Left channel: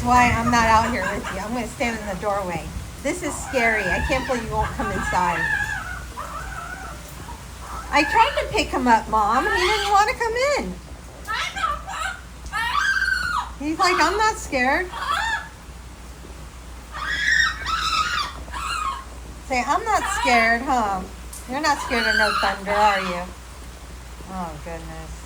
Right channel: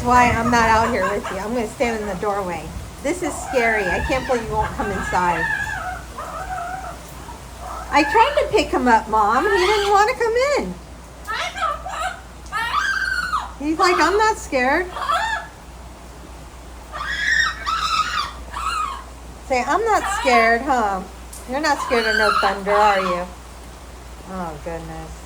is why I'm not out here with you. I'm going to stand in the doorway. This is scary. I can't believe you won't come inside. I tried to pick him up, Mom. He didn't want to come in. He's like, I'm not scared. Say, I'm not scared, huh? You're not scared of no thunder, are you? Oh, goodness.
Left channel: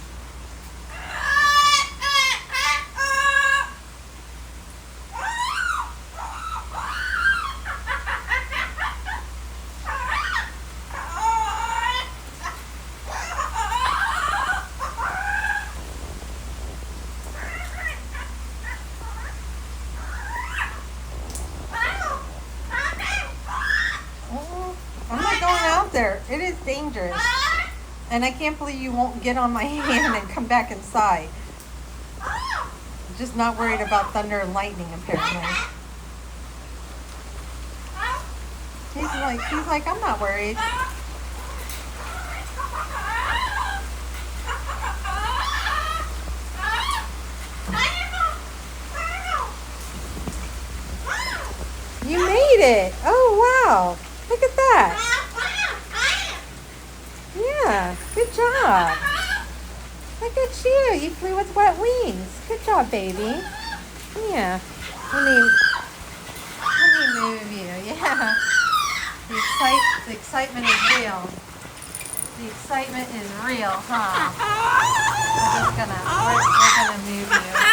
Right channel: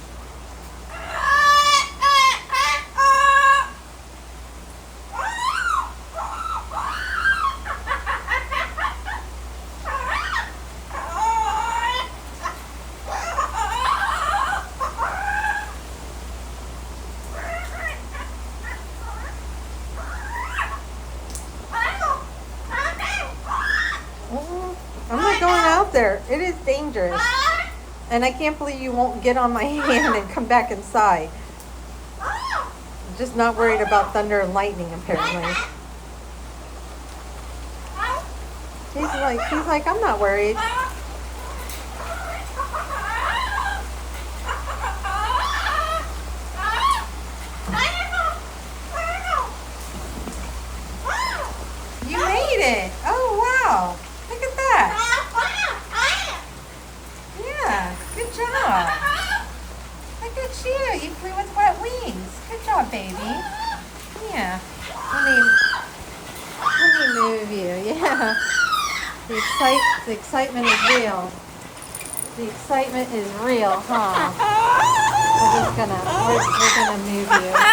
I'm not going out there. It is dangerous. And I can't believe you won't get on my hand and come back inside. I'm just not worried about thunder and lightning, apparently. He's like, I'm not worried. You made it. Oh, wow. Look at that. Yeah, good job. Look at you. You flew with wet wings. Good job, baby. Yeah. Let me move you. Yeah. The excitement is real. The excitement is real, huh? We're gonna move you.